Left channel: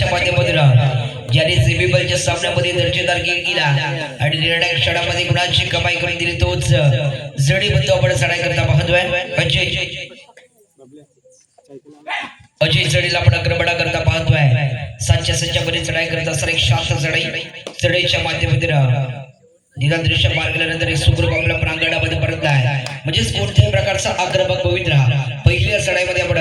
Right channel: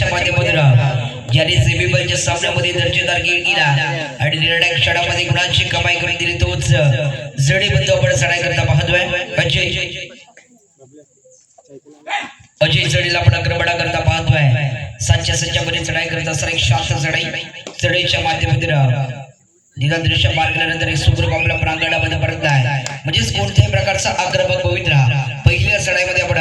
संघाच्या माध्यमातून ज्याने सेमीफायनलच्या सामन्यामध्ये दर्जेदार खेळ केला आणि निर्णायक क्षणामध्ये गुणांची कमाई करून दिली तोच जडेबंधू आपण चढाई करता पाहतोय अजय चढीला आपण आक्रमणा करता पाहतोय सातच्या मध्ये चढाई करत असताना एक शांत चढाईच्या माध्यमातून निदान दृश्य पार केल्यानंतर एक सुखरूप आपल्या प्रांगणामध्ये परतला आहे म्हणजेच कोणत्याही प्रकारचा आक्रमक पवित्र पहिल्या चढाईमध्ये आपण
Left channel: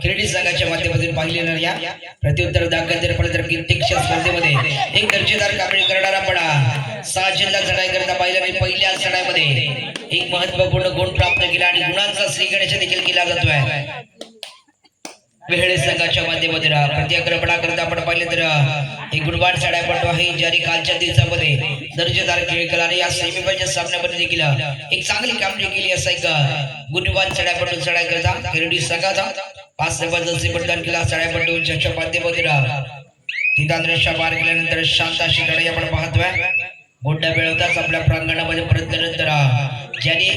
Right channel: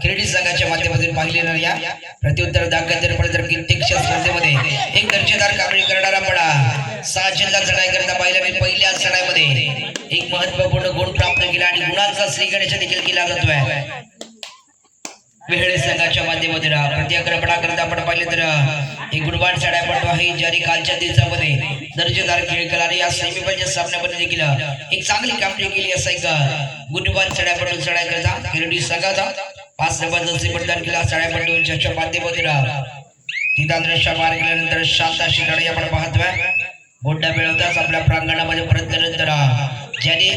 क्रीडा संघाच्या माध्यमातून पाहिलेल्या या प्रत्युत्तर दाखल कीर्तिक्षण स्पर्धेमध्ये एक दर्जेदार कामगिरी करणारा पण 6 जिल्हा चढाई करता पाहिल्याने पहिल्या चढाईमध्ये एक महत्त्वपूर्ण गुण प्राप्त केला आणि गुणांचा श्रीगणेश देखील केला जातोय वेहळे संघाच्या माध्यमातून प्रतिआक्रमणा करता आपण पाहिले तर एक गुणवान चढाईपटू आहे ज्याने कालच्या दिवसामध्ये दर्जेदार खेळ केला आणि या सेमीफायनलच्या सामन्यामध्ये देखील एक चांगली कामगिरी केली असा एक गुणवान चढाईपटू चढाई करता खेळडी संघाचा 5 जबरदस्ती प्रदान केला चढाईपटू ज्याच्या माध्यमातून निदान दृश्य पार केल्यानंतर शांत अशी लढाई आपण पाहतोय गोंडा मिळवताच आपल्या प्रांगणामध्ये परतल्यानंतर ज्याने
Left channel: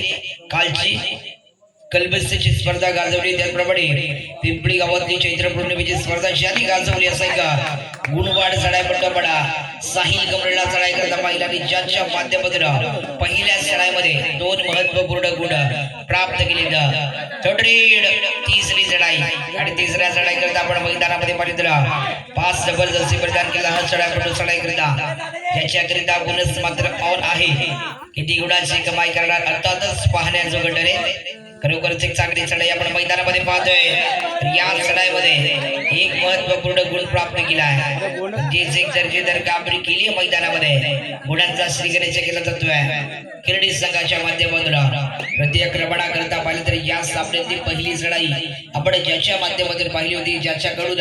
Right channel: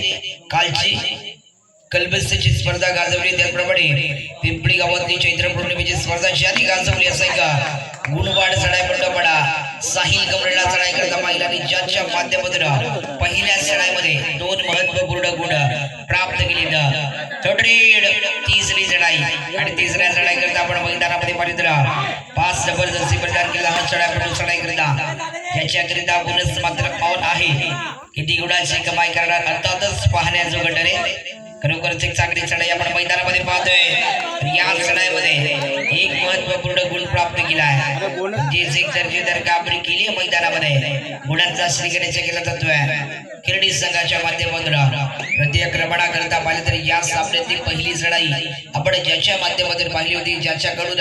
कालची कलबस्तीची स्पर्धा गाजवली त्याप्रमाणे पिंपळी गावातली चैत्र पौर्णिमेची स्पर्धा ज्यांनी गाजवली असेल का गुणवाड चढाईपट्टा पडा साहिल कमरेला चढाई करता पाहिला आणि ज्यांच्या माध्यमातून पहिल्या चढाईमध्ये 2 महत्त्वपूर्ण गुण प्राप्त केले तिसरी चढाई आणि तिसऱ्या चढाई करता आपण मैदानामध्ये पाहिलं 5 जबरदस्ती प्रदान केला हा चढाईपटू चढाई करता ज्याच्याकरिता बोनस मात्र ऑन आहे किती गुणांची कमाई करणार अर्थातच पाहण्याजोगं ठरेल खरोखरच एक चांगली चढाई आपण मैदानामध्ये पाहतोय या चढाईमध्ये एक महत्त्वपूर्ण गुण प्राप्त केला आहे म्हणजेच एक दर्जेदार कामगिरी केली आहे मैदानामध्ये गुणांचा श्रीगणेश केला जातोय खेळडी संघाच्या माध्यमातून प्रतिआक्रमणा करता पाहिली तर या सामन्यातली पहिली चढाई आपण ज्याच्या माध्यमातून पाहिली होती ज्याच्याकडून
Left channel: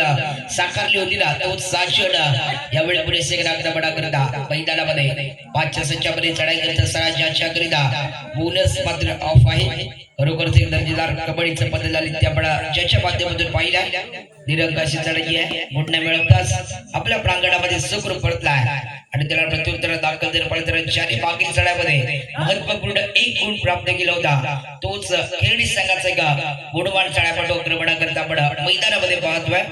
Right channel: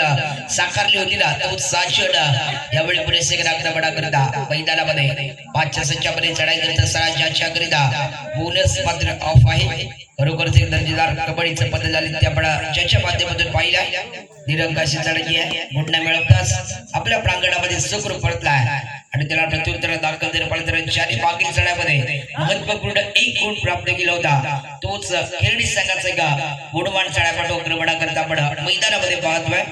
साकारली होती ना तो साक्षण यावेळी पुरेसे आक्रमणा करता मैदानामध्ये 5 मध्ये चढाई करत असताना ज्याच्याकरिता बोनस मात्र ऑफ आहे खरोखरच एक दर्जेदार कबड्डीचं पद्धत झाली ते आपण ज्याच्या माध्यमातून पाहिल्या निरंकाशी चढाई आहे गुंडा मिळवताच आपल्या प्रांगणामध्ये सुखरूप परतला आहे आणि त्याला प्रत्युत्तर दाखल देणं पाहिलं तर ज्याने मागील चढाईमध्ये महत्त्वपूर्ण एक गुण प्राप्त केला होता तोच खेळडी संघाचा एक गुणवान चढाईपटू आक्रमणा करता आपण मैदानामध्ये पाहतोय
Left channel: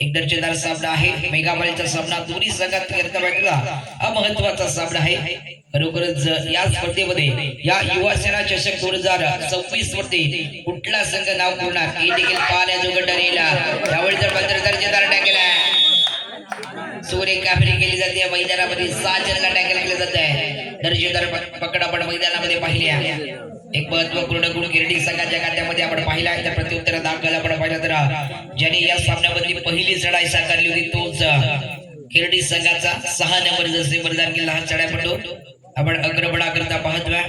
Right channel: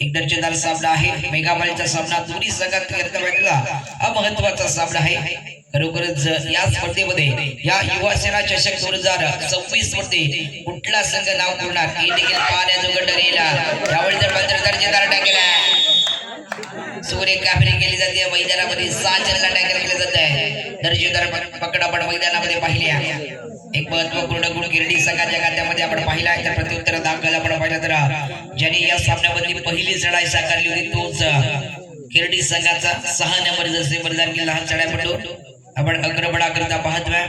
एक दर्जेदार सामना आहे मेगामालीचा सामना दोन्ही संघात करता भेटला हा महत्त्वाचा सामना आहे खरोखरच या स्पर्धेमध्ये या युवा सेना चषक 2026 मध्ये कुठला संघ नाव करणार हे देखील पाहण्याजोगं ठरेल यावेळी जर दर्जेदार टॅकल सूर्य काफरी केली जाते मैदानामध्ये 6 जणांना टॅकल केले जात आहे दर्जेदार पकड आपण मैदानामध्ये पाहिल्या एक महत्त्वपूर्ण गुण गिरडी संघाच्या खात्यामध्ये आपण पाहिला आहे तर प्रत्युत्तर दाखल आपण पाहिलं तर ज्याने या सामन्यामधली पहिली चढाई साकारली होती तोच गिरडी संघाचा 6 नंबर जसे बलिदान केला हा चढाईपटू आपण आक्रमणा करता पाहतोय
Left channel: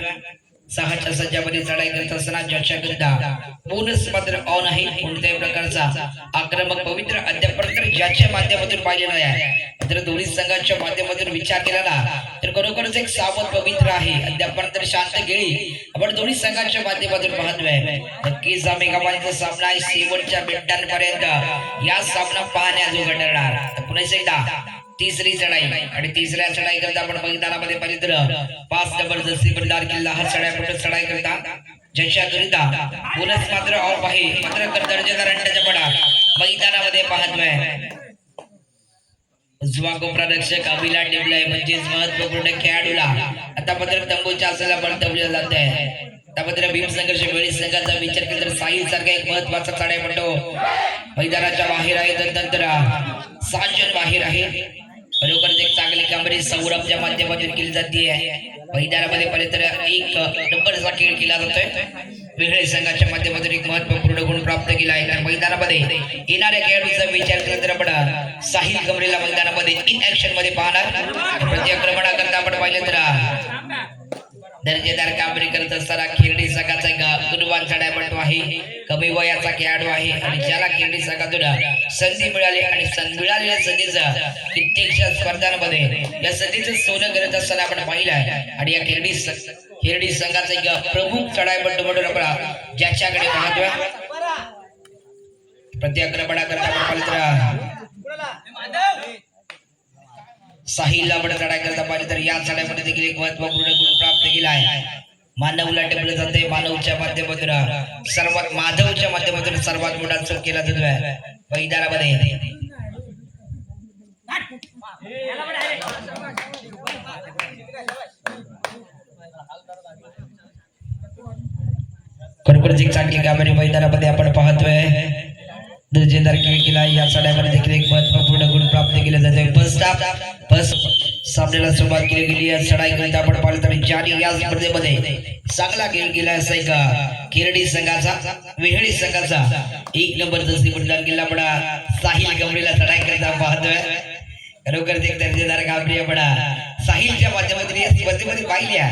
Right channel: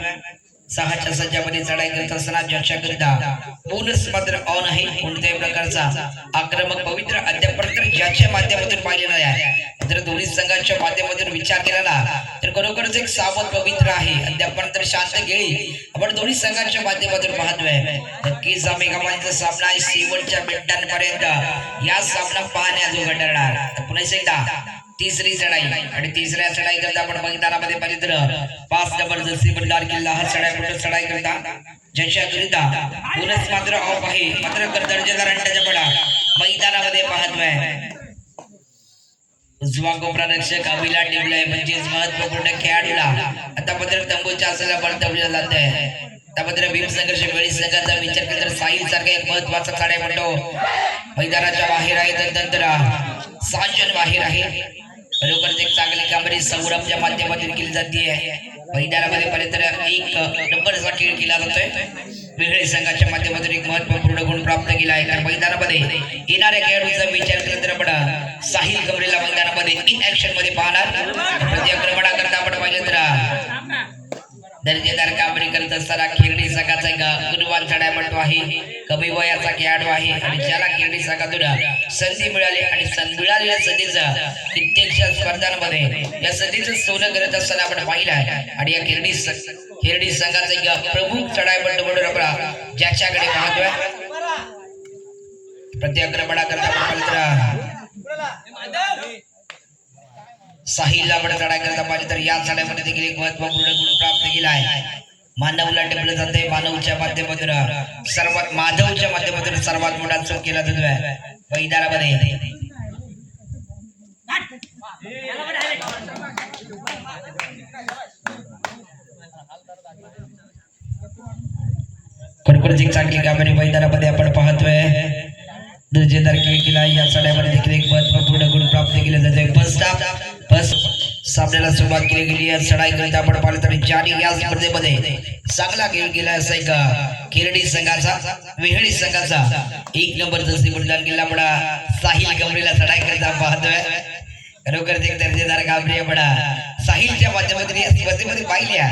6च्या संचामध्ये चढाई करत असताना ज्याच्याकरिता बोनस मात्र ऑन आहे कोणत्याही प्रकारचा आक्रमक पवित्र अद्यापर्यंत ज्याच्या माध्यमातून पाहिलेला आहे जर दोन्ही संघाच्या माध्यमातून विचार केला ना तर खरोखरच एक सावध पवित्र आहे अद्यापर्यंत शांत गेली आपण दोन्ही संघाच्या माध्यमातून पाहतोय नक्कीच मेगामालीचा सामना आहे शेवटच्या मिनिटांपर्यंत या सामना पाहण्याजोगा ठरणार पुन्हा एकदा तिसरी चढाई आणि तिसऱ्या चढाई करता आपण मैदानामध्ये पाहिजे तर 5 जबरदस्ती प्रदान केला हा चढाईपटू चढाई करता ज्याच्याकरिता बोनस मात्र ऑफ आहे मात्र दर्जेदार अंड्याचा पडा मैदानामध्ये पाहतोय उजवा कोपरा रक्षक अभिला टिपलाय म्हणजेच महत्वपूर्ण खेळाडूला आता मात्र तंबूच्या असलेला परतवलं जात आहे त्यामध्ये भीम संघर्ष वेळी संघाचा विचार केला तर साहिल सारखा एक महत्वाचा चढाईपटू मैदानाच्या बाहेर आहे नंतर 7 जण बाहेर आहे खरोखरच एक चांगली कामगिरी सौरभच्या माध्यमातून केली जाते मैदानामध्ये पाहिले तर एक नंबरचा खेळ केला जातोय वेगळे संघाच्या माध्यमातून एक महत्त्वपूर्ण गुण प्राप्त केला आहे कारण मैदानामध्ये येणाऱ्या खेळाडूचा विचार केला तर आपण साहिल कमरेला मैदानामध्ये इन ऍक्शन मध्ये पाहणार प्रतिआक्रमणा करता आपण पाहिलं तर दर्जेदार कामगिरी करत असताना खेळडी संघाचा एक गुणवान चढाईपटू आहे कमी वयाचा खेळाडू आहे आणि ज्याला खेळडी संघातून संधी मिळाली आणि मिळालेल्या संधीचं कित्येकशा स्पर्धांमध्ये या संधीचं सोनं करत असताना आपण पाहिलं आहे आणि या खेळडी संघाचा एक प्रमुख चढाईपटू म्हणून आपण ज्याच्याकडे पाहतोय प्रतिआक्रमणा करता आपण पाहिलं साहिल आपण चढाई करता पाहिजे तर या चढाईमध्ये देखील एक महत्त्वपूर्ण गुण प्राप्त केला आहे मानवला टिपलं जाते मानवच्या माध्यमातून माधवच्या माध्यमातून सर्वात मोठा चूक केला जातोय मैदानामध्ये खरोखरच एक चांगली कामगिरी मैदानामध्ये आपण पाहतोय. दर्जेदार खेळ केला. या चढाईमध्ये देखील एक महत्वपूर्ण गुण प्राप्त केले जाते. फर्स्ट सामन्याला सुरुवात केली गेली. या चढाईकरिता आपण पाहिलं तर ज्याने या स्पर्धेमध्ये चांगला खेळ केला असा एक केरडी संघाचा वेहळी संघाचा 1 नंबर जशी प्रदान केला बडा साहिल गमरेला चढाईकरिता पाहतोय. खरोखरच एक दर्जेदार कामगिरी बडा साहिलच्या माध्यमातून या स्पर्धेमध्ये पाहिल्या.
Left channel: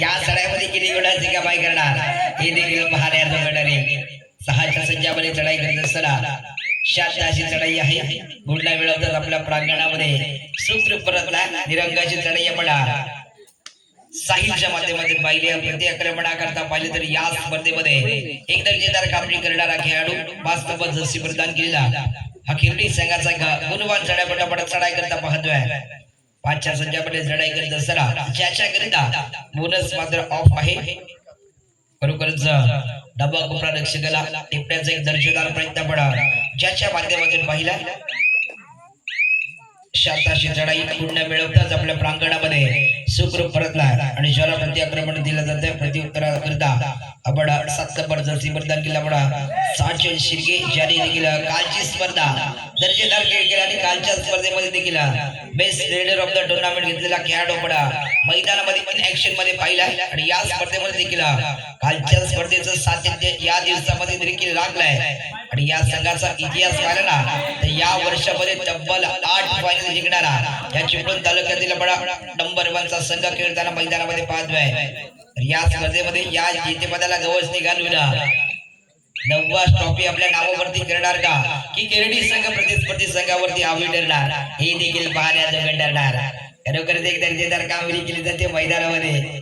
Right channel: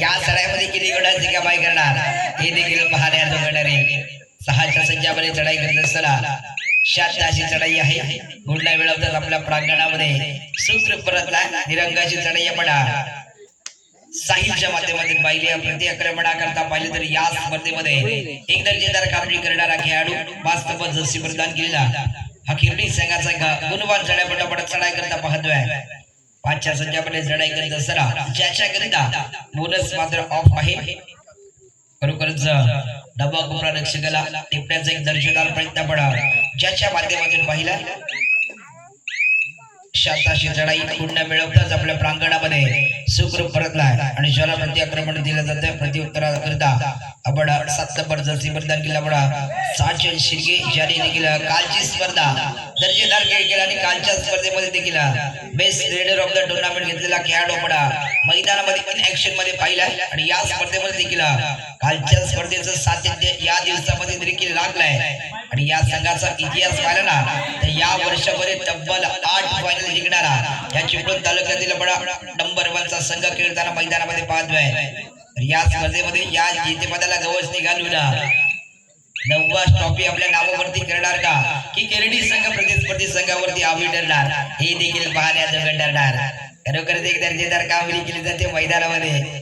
या चढाईमध्ये किती गुणांची कमाई करणार हे देखील पाहण्याचं घडणार आहे. 6च्या संख्यामध्ये चढाई करत असताना 7 अशी चढाई आहे. गुंडा मिळवतात आपल्या प्रांगणामध्ये सूत्र परतला. निरंगाची चढाई आपण साहिलच्या माध्यमातून पाहिली. प्रति आक्रमणाकरता पाहिले तर या स्पर्धेमध्ये एक दर्जेदार कामगिरी करणारा खेळाडू वास्तव जर्सी प्रदान केलेला हा किरडी संघाचा गुणवान चढाईपटू आपण चढाई करता पाहतोय. 5च्या संख्यामध्ये चढाई करत असताना ज्याच्या करिता बोनस मात्र ऑफ आहे. खरोखरच डबा कोपरा रक्षकाला टिपण्याचा एक दर्जेदार प्रयत्न पडा ज्याच्या माध्यमातून पाहिला. शाताशी चढाई पुण्य मिळवताच आपल्या प्रांगणामध्ये सुखरूप परतलाय आणि ज्याला प्रतिआक्रमण दिलं जातं प्रत्युत्तराकरिता आपण 7 नंबर जर्सी प्रदान केला बडा साजन शिर्के ज्याने देखील कालची स्पर्धा दर्जेदार खेळ केला आणि कालच्या स्पर्धेमध्ये देखील best leader of the tournament घेतलेला खेळाडू बडा मैदानामध्ये इन ऍक्शन मध्ये पाहिला आणि या स्पर्धेमध्ये देखील कालच्या स्पर्धेचं सातत्य या दिवसामध्ये देखील लागलाय. आणि या संघाचा इतिहास पाहिला ना तर या वर्षामध्ये तब्बल 8 फायनल जिंकणारा या चिपळूण तालुक्यातील बडा नंबर 1 चा संघ खेळताना मैदानामध्ये पाहतोय. या स्पर्धेमध्ये या जेतेपदाला गवसणी घालून 9वा ट्रॉफी आपल्या नावावरती करणार का की केरडी संघ प्रतिस्पर्धी संघावरती आवी ठरणार हे देखील पाहण्याचं ठरणार. खरोखरच एक दर्जेदार कामगिरी केली जाते मैदानामध्ये.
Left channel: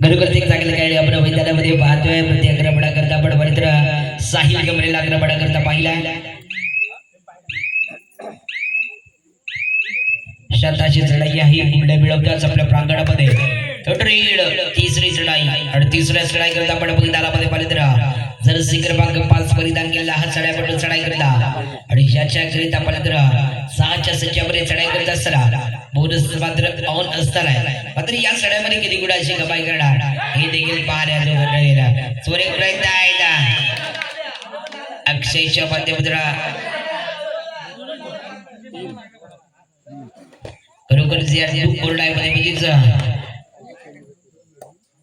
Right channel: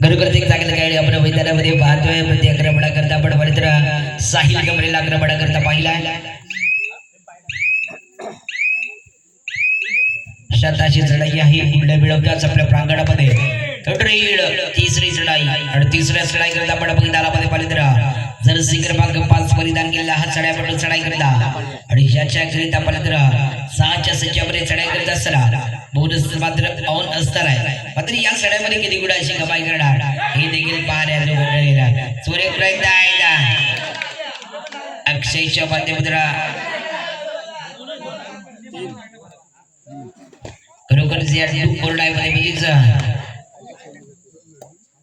खरोखरच एक चांगलं खेळाडू आपण मैदानामध्ये पाहतोय. प्रति आक्रमणाकरता आपण बरेच साहिल गमरेला आक्रमणाकरता पाहिला. शताची चढाई आहे. गुंडे मिळवताच आपल्या प्रांगणामध्ये तिसरी चढाई आणि तिसऱ्या चढाई करता आपण मैदानामध्ये पाहिलं तर जर्सी क्रमांक 5 परिधान केलेला हा चढाईपटू चढाई करता आणि ज्याच्या करिता पाहिलं तर 6च्या संख्यामध्ये चढाई करत असताना बोनस मात्र ऑन असणार आहे. मात्र या चढाईमध्ये किती गुणांची कमाई करणार हे देखील पाहण्याचं घडलेला चोरे प्रयत्न आहे. अक्षयच्या माध्यमातून खरोखरच या कोरडाईमध्ये म्हणजेच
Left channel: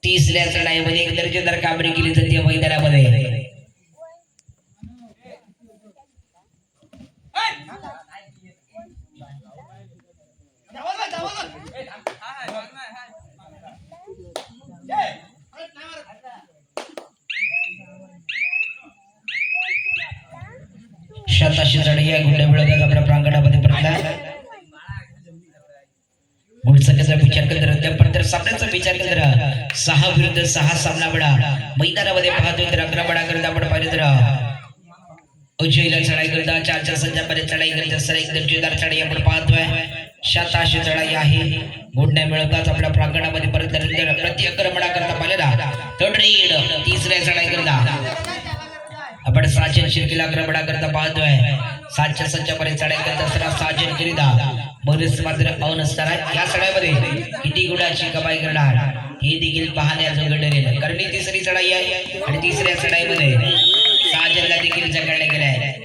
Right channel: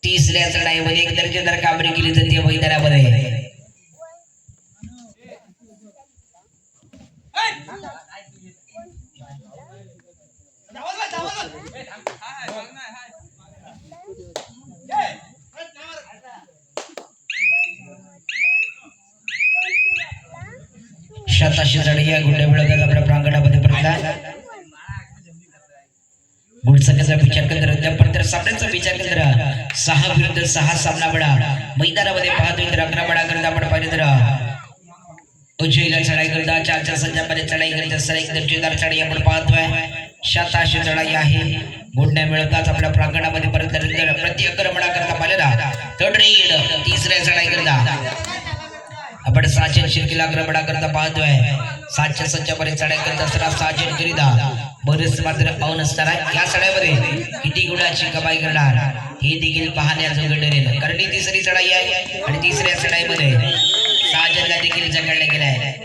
तिसऱ्या चढाईमध्ये एक दर्जेदार कामगिरी केली जाते मैदानामध्ये. शताशी चढाई या गुंडे मिळवतात आपल्या प्रांगणामध्ये परतला. गुणसंख्येचा विचार केला सामन्याचा विचार केला 6 विरुद्ध 6 सामना बडा मैदानामध्ये पाहतोय. तर 11 बडा करता आपण पाहिलं तर उजवीला चढाई करता 4च्या संख्यामध्ये चढाई करत असताना एक दर्जेदार चढाई आपण पाहतोय. 87 चढाई आहे. गुंड्या मिळवताच आपल्या प्रांगणामध्ये परत प्रति आक्रमणा करता पाहिलेला थर्ड रीड तिसऱ्या चढाई करता आपण साजन शिर्केला आक्रमणा करता पाहतोय. 7च्या संख्यामध्ये चढाई करत असताना साजन करिता बोनस मात्र ऑन असताना या चढाईमध्ये किती गुणाची कमाई करणार हे देखील पाहण्याचं घडलेलं. कारण ही तिसरी चढाई आहे आणि तिसऱ्या चढाईमध्ये साजनला देखील जगाडलं गेलं आहे.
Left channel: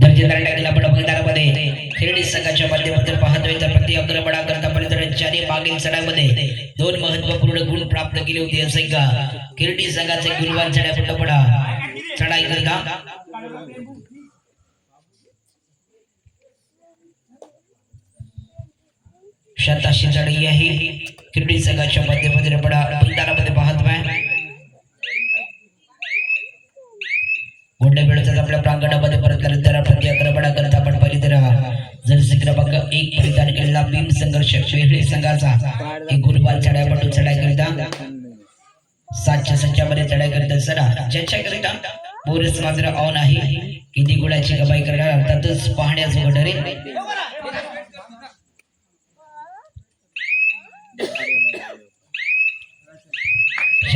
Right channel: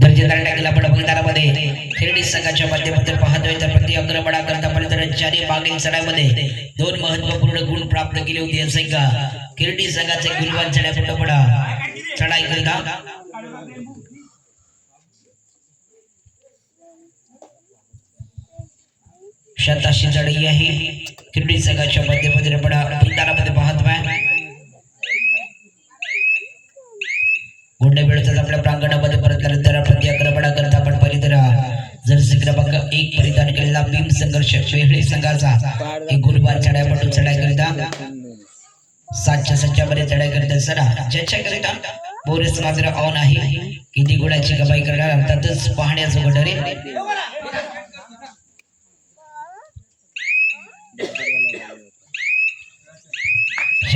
दर्जेदार टाकला पण मैदानामध्ये खेळणी संघाच्या माध्यमातून पाहतोय. तर प्रति आक्रमणा करता पर्यंत ज्याने मागील चढाईमध्ये 2 महत्वपूर्ण गुण प्राप्त केले होते असे का खेळणी संघाचे गुणवान चढाईपटपडा चढाई करता शताशी चढाई आहे. खेळणी संघाच्या माध्यमातून आपण मैदानामध्ये पाहतोय. गुंडे मिळतात आपल्या प्रांगणामध्ये परत नंतर प्रति आक्रमणा करता आपण पहिली तर जर्सी क्रमांक 1 परिधान केलेला भीम संघर्ष वेगळी संघाचा एक गुणवान चढाईपटू चढाई करिता 7च्या संख्यामध्ये चढाई करत असताना ज्याच्या करिता बोनस मात्र ऑन आहे. किती गुणाची कमाई करणार अर्थातच पाहण्याचं घडले.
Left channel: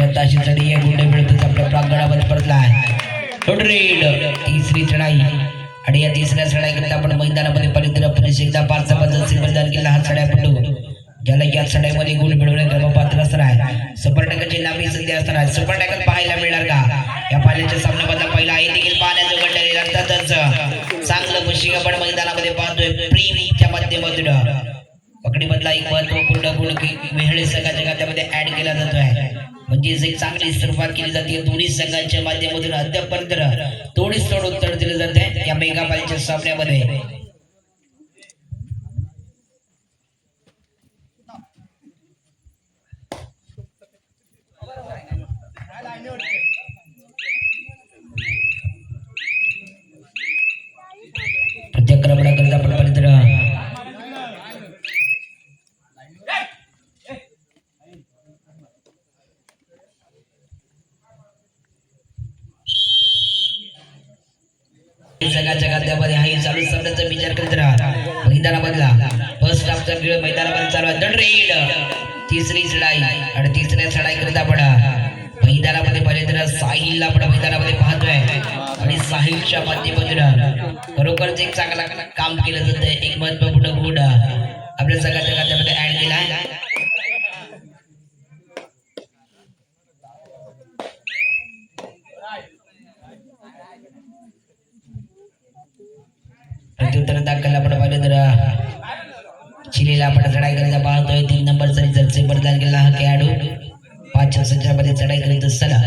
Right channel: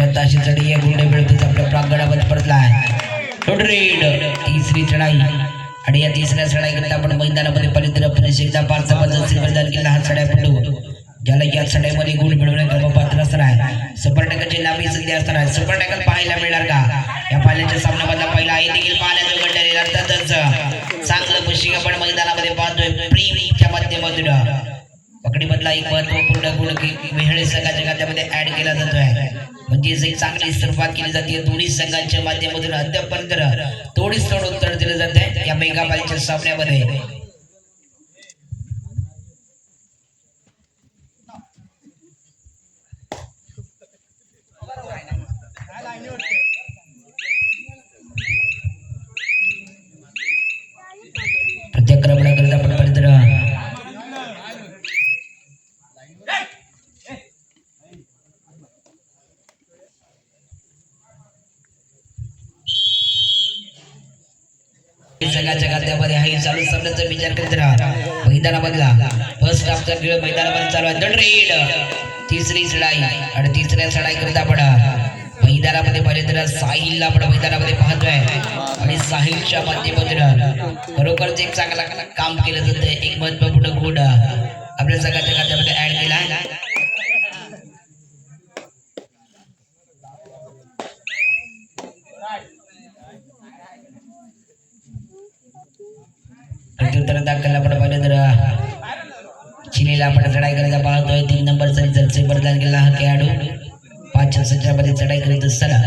शताशी चढी आहे गुंड मिळतोच आपल्या प्रांगणामध्ये परतलाय रेड तिसरी चढाई आणि या तिसऱ्या चढाईकरिता आपण मैदानामध्ये पवित्र पुरुष एकदा 5 जबरदस्ती मैदान केला हा चढाईपटू ज्याला या चढाईमध्ये गुण मिळवणे गर्भपात्र असणार आहे सुपर टॅकलची नामी संधी असणार आहे सुपर टॅकल पाहायला मिळणार का या पाल्याच्या सामन्यामधला पहिला आहे देखील पाहण्याचं घडलेले अर्थातच चांगलं पुशिंग आपण मैदानामध्ये पाहतोय प्रीच्या माध्यमातून पकडीमधला एक महत्वपूर्ण गुण वेहळे संघाच्या खात्यामध्ये ऍड केला जातोय म्हणजेच एक चांगली सुरुवात केली जाते दोन्ही संघांच्या माध्यमातून अद्यापर्यंत तोडीस तोड उत्तर दिलं जात आहे या मेगा पालीच्या सामन्यामध्ये प्रत्याक्रमणाकरिता आपण पवित्र संघाच्या खात्यामध्ये हा चालू सामन्याचा विचार करीत राहा मैदानामधला फर्स्ट हाफचा खेळ मैदानामध्ये चालू आहे रेड तिसरी चढाई आणि तिसऱ्या चढाई करता आपण मैदानामध्ये पवित्र साहिलला आपण मैदानामध्ये पाहतोय आणि साहिलच्या माध्यमातून खरोखरच एक चांगला काम केलं जातं एक महत्वपूर्ण गुण आपल्या संघाच्या खात्यामध्ये ऍड केला आहे प्रत्युत्तर दाखल आपण पाहिलं तर चिलीला आपण चढाई करायला पाहतोय 3 नंबरचा जर्सी प्रदान केला हा खेळाडू 5 संचामध्ये चढाई करीत असताना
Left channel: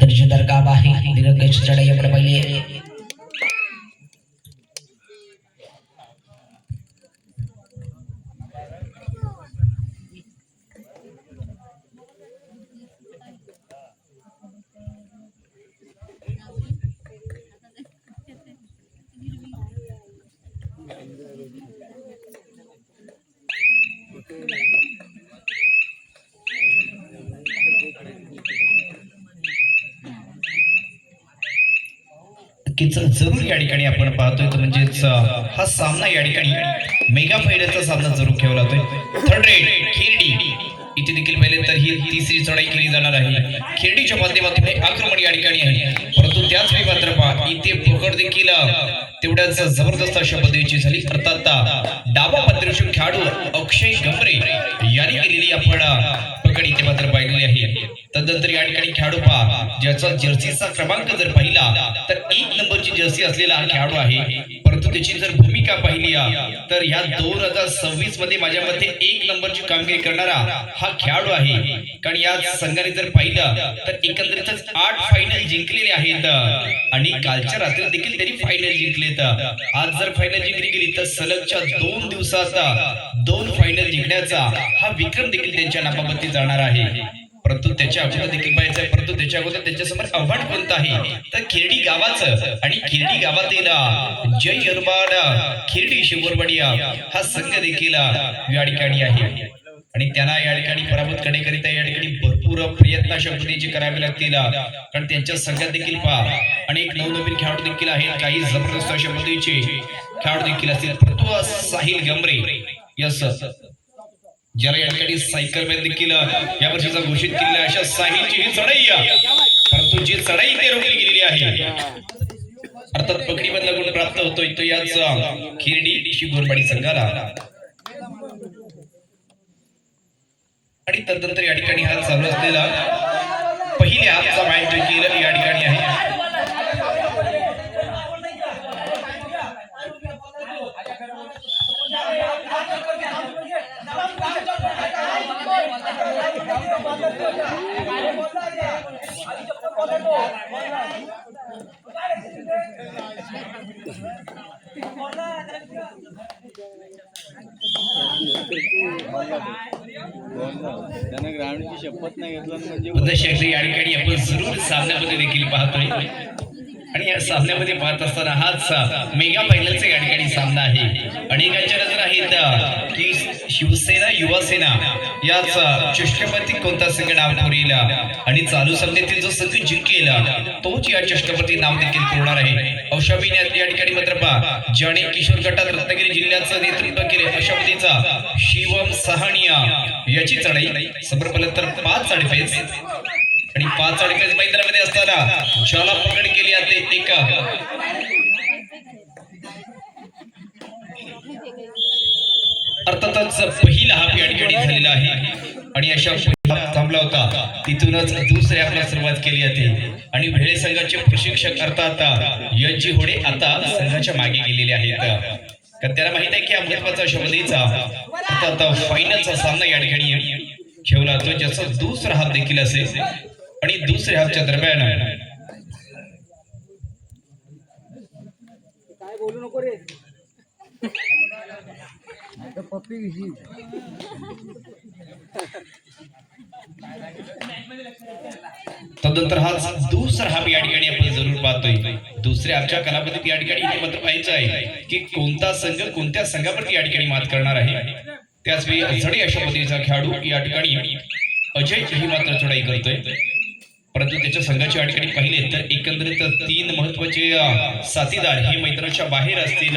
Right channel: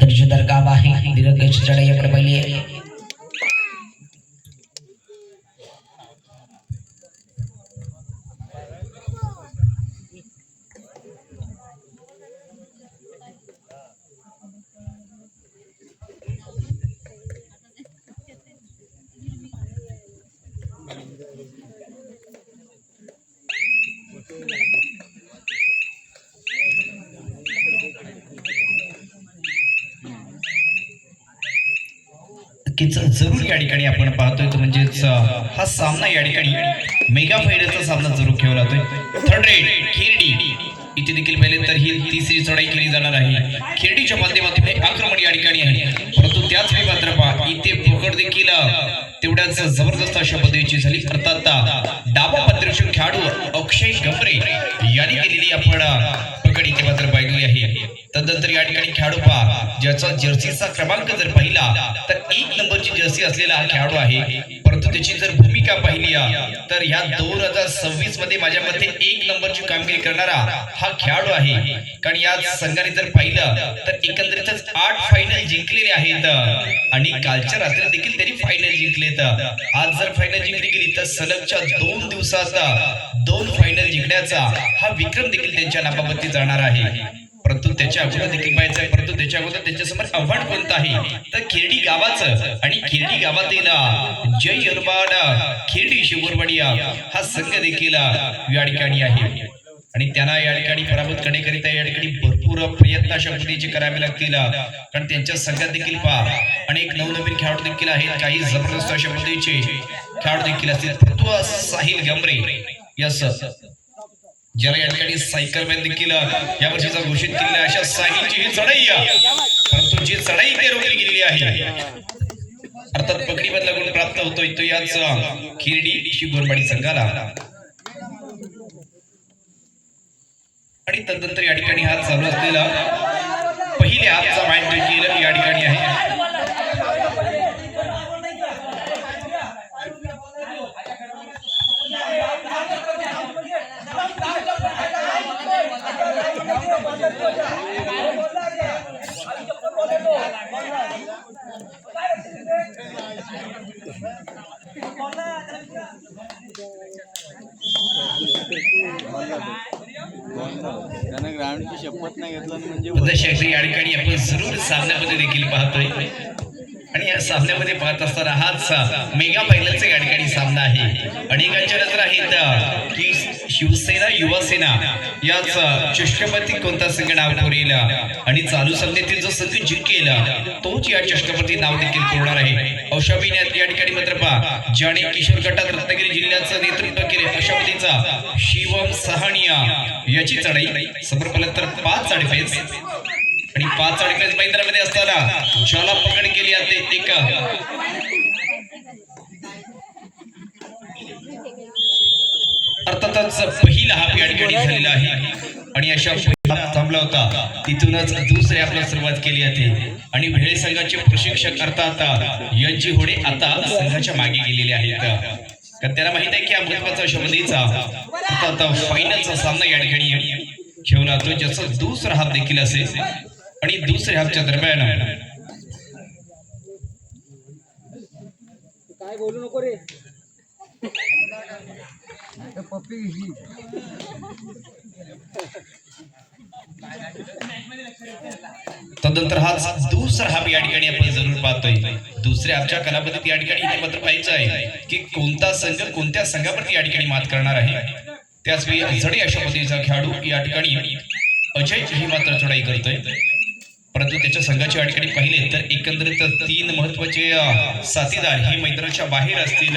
दर्शदार काम आहे दीर्घ चढाई आपण पाहिली जरूर या ठिकाणी आपण पाहतोय तो म्हणजेच हा सामना या ठिकाणी मेगा फायनलचा सामना जरूर खेळला जातोय थर्ड रेड खिरडी इथे देखील पहिले तर ही तिसरी चढाई केली जाणार आहे खिरडीच्या माध्यमातून आक्रमण या ठिकाणी आहे परंतु त्याच वेळी मात्र पहा इथे पकड देखील तेवढ्याच जबरदस्त अशा पद्धतीची झाली अर्थात डावा पत्रशून खेळाडू अक्षय गमरे यांनी केलेली आपण पकड इथे मात्र पाहिलेली आहे तदनंतर या ठिकाणी खेळाडू पहा ज्याचा जर्सीचा क्रमांक जर पाहिला तर 1 नंबरची जर्सी असलेला हा खेळाडू आहे परंतु त्याची जर भूमिका पाहिली तर ह्या 2026 मध्ये माझ्या मते 1 नंबरची कामगिरी करणारा हा खेळाडू आहे कारण या संघाने जर पाहिलं तर एकंदरीतच 8 फायनल जिंकलेले आहेत आणि कालच्या रात्री देखील त्यांनी फायनल जिंकलेत आज जर फायनल जिंकली गेली तर सलगच्या 2 दिवसात 2 फायनल जिंकण्याचा हा विक्रम देखील त्यांच्या नावावरती जाणार आहे परंतु त्याच्या अगोदर देखील पाहायचं आहे परंतु त्याच्या अगोदर त्याच्यासमोर आव्हान कोणतं आहे तर खिरडी गावाचं आणि खिरडी गावातील जय अरबाड खिरडी शिवरवाडी हा संघ देखील या ठिकाणी आहे आणि त्यांना या ठिकाणी पराभूत करण्याकरिता या ठिकाणी भरपूर प्रयत्न अशा पद्धतीचे करावे लागतील कारण त्यांच्या संघात देखील पहा अनेक नवनवीन खेळाडू देखील आहेत काही जबरदस्त अशा पद्धतीचे खेळाडू देखील असतील परंतु साहिल गमरे यस ज्याला या ठिकाणी सायकल मॅन देखील या वर्षीचा घोषित केलेला अशा साहिलची ही चढाई परंतु जी चढाई ते रोखली गेलेली आहे अर्थात पकडीमधला गुण प्राप्त होतोय तो याच खिरडी शिवरवाडी संघाला आणि तदनंतर या ठिकाणी हा चालू असलेला पहिले हाफचा मॅच देखील या ठिकाणी आहे ग्राउंडची शपथ नाही घेतला म्हणजे या ठिकाणी आपण जरूर सामन्यामध्ये देखील पाहतोय आणि या सामन्यामध्ये पाहत असताना हाच मेगा फायनलचा या ठिकाणी सामना आहे. अनेकांच्या नजर आहेत की शिवसेना युवासेना याच चषकपती कोणता संघ नाव पुरेल आणि चालू सामन्यातील जो संघ जिंकेल तोच या चषकपती नाव देखील पुरणार आहे. औषाबीने या ठिकाणी मात्र पहा ज्याने किशोर गटात रत्नागिरी जिल्ह्याचं नेतृत्व केले अशा पद्धतीचा शिवम सहानिया याची चढाई समोर तर 5 आडफेस आणि 5 आडफेस मैदानामध्ये असताना ज्याला पकड केली जाते एक अर्थातच पहिला हाफ या ठिकाणी झालेला आहे आणि अशा हाफ थांबला होता तिथूनच दुसऱ्या हाफला सुरुवात केली जाते आणि भेळे संघाचे प्रशिक्षक अर्थात यज्जी होडे आता संघाच्या मागे गेलेले आहेत. कारण त्याला माहित आहे की हा महत्वाचा अशा पद्धतीचा अर्थात फायनलचा सामना या ठिकाणी खेळला जातो ज्याचा दुसरा हाफ देखील असेल आणि दुसऱ्या हाफच्या दरम्यान काय बोलू नको रे तदनंतर हा दुसरा हाफ या ठिकाणी आपण जरूर पाहतोय. दुसऱ्या हाफच्या कालावधीत या ठिकाणी हे मात्र पाहायचं आहे की कोणता संघ कोणत्या संघावरती या ठिकाणी मात करणार आहे. त्याचवेळी अजडी अशा पद्धतीचा खेळाडू या ठिकाणी अजय ही मात्र चढाई करतोय परंतु त्याच्या संघाच्या या ठिकाणी पाहिले तर एकंदरीत 3 महत्वाचे साथीदार हे मैदानाच्या बाहेर असतील.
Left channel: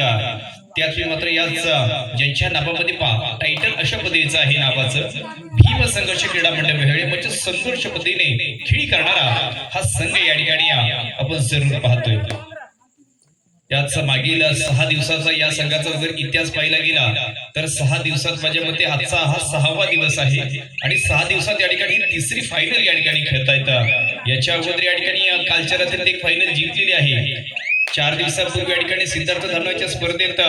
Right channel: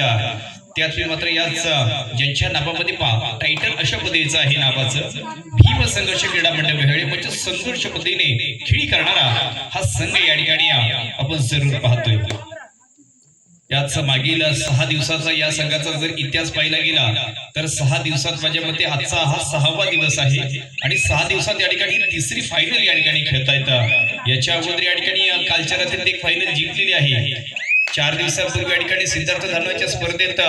त्याचवेळी मात्र याच ज्यांच्या नावामध्ये पहा टायटल अशा पद्धतीचं आहे नावाचं भीम संघर्ष क्रीडा मंडळ वेळे म्हणजे संघर्ष पद्धतीने खेळी करणारा हा संघ या ठिकाणी आपण जरूर पाहतोय. याच मागील 6 दिवसाचा या संघाचा जर इतिहास पाहिला गेला तर 6 दिवसात माझ्या मते आजचा हा 6वा दिवस आहे आणि 6 दिवसात या ठिकाणी तिसरी फायनल या ठिकाणी खेळता येतं. याच्या अगोदर या ठिकाणी कालच्या रात्रीत एक फायनल जिंकलेली आहे. 4 दिवसापूर्वी या ठिकाणी सिद्धार्थ धानोच्या स्पर्धेत